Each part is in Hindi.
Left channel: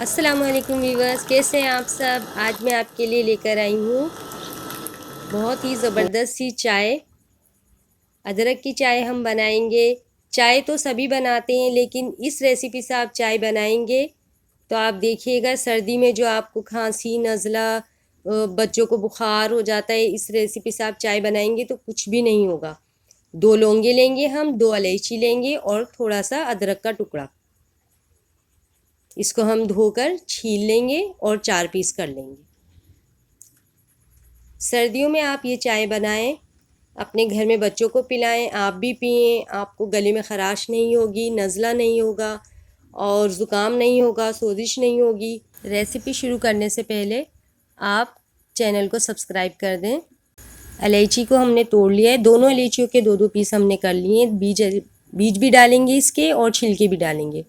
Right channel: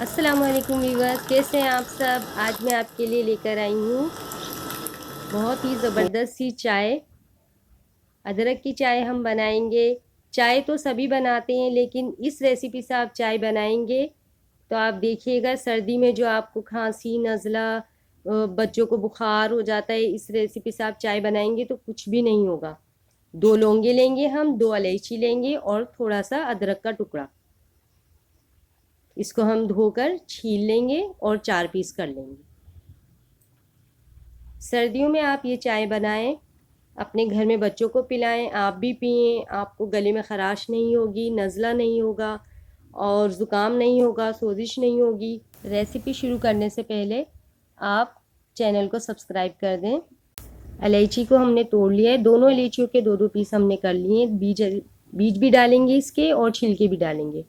अस्सलाम वालेकुम वीवर्स, कैसे हैं आप सब। आज मैं आपके लिए लेकर आई हूँ बहुत ही ज़बरदस्त सी चाय। अदरक की चाय हम बनाएंगे। चाय तो सभी बनाते हैं, लेकिन इस रेसिपी से आप चाय बनाएंगे तो आप देखिएगा, सर्दी में जो आपको खांसी नज़ला, बच्चों को बुखार हो जाता है, इस रेसिपी से आप चाय बनाएंगे तो कुछ भी नहीं होगा। 2 लौंगे लेंगे, हम 2 इलायची लेंगे और थोड़ा सा अदरक का टुकड़ा। इसको हम धोकर छील लेंगे और 4 पीस कर लेंगे। सर्दियों में आप ये चाय बनाएं, अपने घर में बच्चों को पिलाएं, आप भी पिएं। आपको गले में ख़राश नहीं होगी, नज़ला नहीं होगा और ज़ुकाम नहीं होगा, सोजिश नहीं होगी। रेसिपी शुरू करने से पहले आप चैनल को सब्सक्राइब कर दें। इलायची को हमने तोड़ लिया है, दोनों इलायचियों के 2-2 पीस हमने कर लिए हैं। बीज भी डालेंगे इसके और छिलके भी डालेंगे।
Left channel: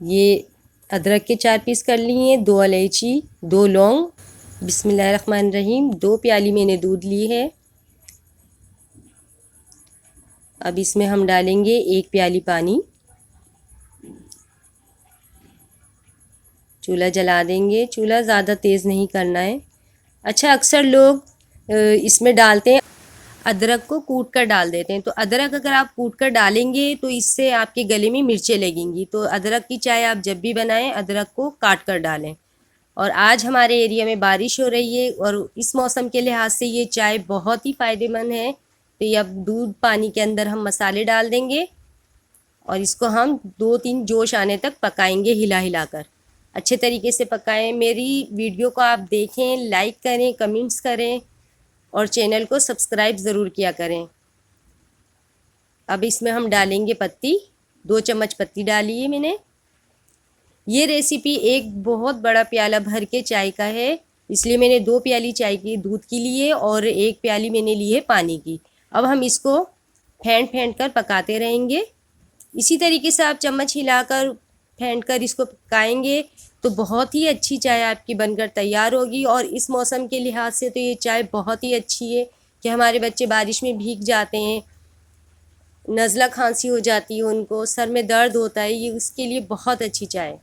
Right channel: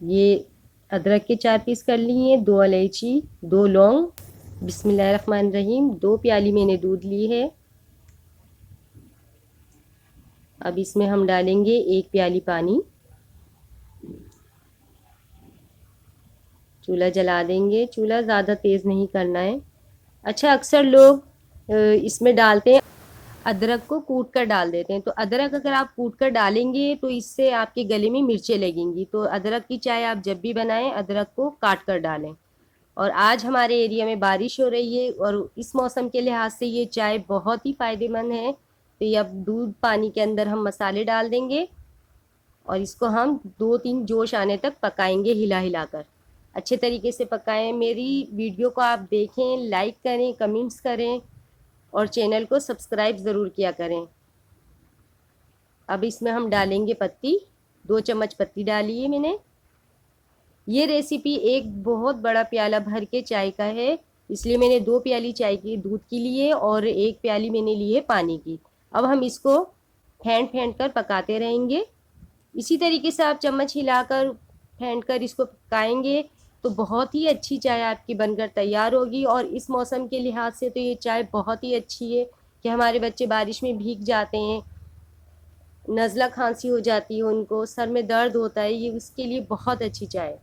ये अदरक के 4 पीस कर लिए हैं, 2 इलायची, 2 लौंग। बिस्मिल्लाहिर्रहमानिर्रहीम। 2 प्याली मैंने दूध ली है। अब इसमें हम डालेंगे 1 प्याली पानी। चूल्हा जला देंगे। चूल्हा ज़्यादा तेज़ नहीं करना है। अच्छा, अक्सर लोग इसमें डालते हैं, अदरक को कूट कर डाल देते हैं। तो अदरक अगर आप कूट कर डालेंगे तो इससे आपके गले में मिर्चें लगेंगी। तो अदरक की चाय आप जब भी बनाएं, अदरक को काट कर डालें। और आज हमारे एरिया में बारिश हो रही है और इस मौसम के लिहाज से ये चाय बहुत ही फ़ायदेमंद है। तो ये अब दूध पानी के अंदर हम मसाले डाल देंगे और इसको हम 2-3 जोश आने तक पकाएंगे, हिला हिला कर। अच्छे तरीके से पकाएं। मेरी वीडियो को आप देखें, लाइक करें, कमेंट्स करें और चैनल को सब्सक्राइब ज़रूर किया करें। अब इसमें हम डालेंगे पत्ती। 2 चम्मच पत्ती डाली है मैंने। ये रेसिपी एक बहुत बड़ा प्याला भर के चाय का है, इसलिए मैंने 2 प्याली चाय की दूध की ली है और 1 प्याली मैंने ली है पानी की। अब हम इसको फेंट फेंट कर पकाते रहेंगे। इसी तरीके से आप चम्मच हिलाकर फेंट कर इसको पकाएंगे तो बहुत ही अच्छी चाय आपकी बनकर तैयार होगी। और इस मौसम के लिहाज से तो ये चाय बहुत ही अच्छी है कि हमारे बच्चे बारिश में भीग जाते हैं, नज़ला खांसी हो जाती है, उनको सर में दर्द होता है, ये उसके लिए बहुत अच्छी चाय है।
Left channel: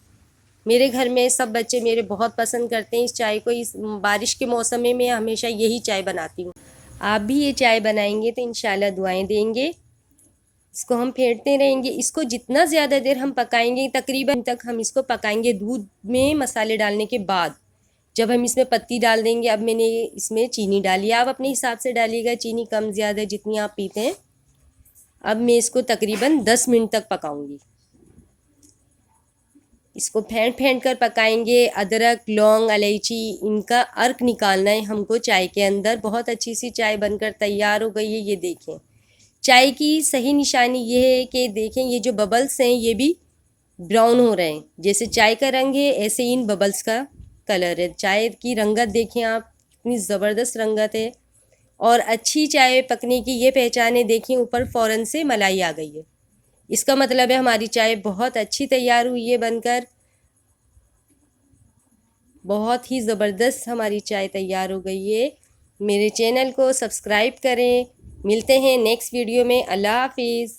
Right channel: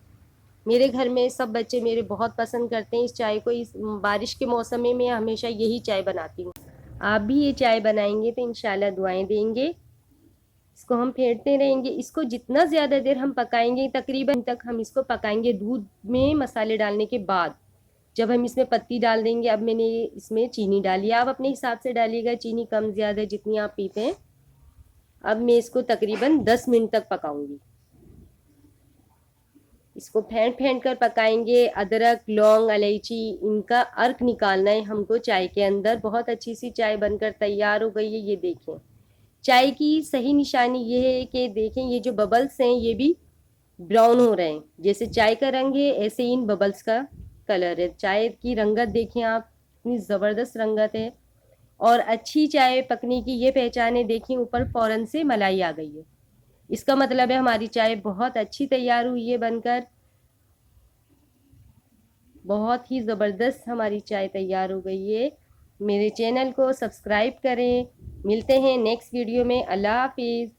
मेरे घर में सब बच्चे मेरे बहुत पसंद करते हैं इस चाय को। इस बारिश के मौसम में मैं हमेशा यही चाय बनाती हूँ। आप भी ये चाय बनाएंगे तो इंशाल्लाह दुआएं देंगे। इसको हम फेंटते रहेंगे। इसको जितना ज़्यादा देर हम पकाएंगे, तकरीबन तक हम इसको पकाएंगे दूध में मसाले डालने के बाद। जब हम इसमें पत्ती डाल देंगे, अब मैंने इसमें चीनी डाली है, आप अपने हिसाब से डालिएगा, चीनी कम ज़्यादा जितनी आप पीते हैं। अब मैं इसको तकरीबन 10 मिनट तक पकाऊंगी। इसको फेंट फेंट कर पकाएंगे। अदरक, लौंग, इलायची, इनका अर्क निकालना है हमको चाय के अंदर। बहुत अच्छी सी चाय बनकर तैयार हो गई है। ये देखें, चाय की सही निशानी ये है कि देखें, ये जो बबल्स हैं ये भी ब्राउन हो रहे हैं। जैसे चाय का रंग है, ऐसे इन बबल्स का कलर है। चाय की रंगत देखें आप, इतनी ज़बरदस्त रंगत है। और अच्छी चाय पकने की ये पहचान है, देखिए ऊपर फ़ौरन से मलाई आ गई है। इसका मतलब है हमारी चाय बहुत अच्छी तैयार हुई है बनकर। बहुत ही ज़बरदस्त हमारी चाय तैयार हो गई है। मेरे चैनल को सब्सक्राइब करें। मिलते हैं नेक्स्ट वीडियो में। अल्लाह हाफिज़।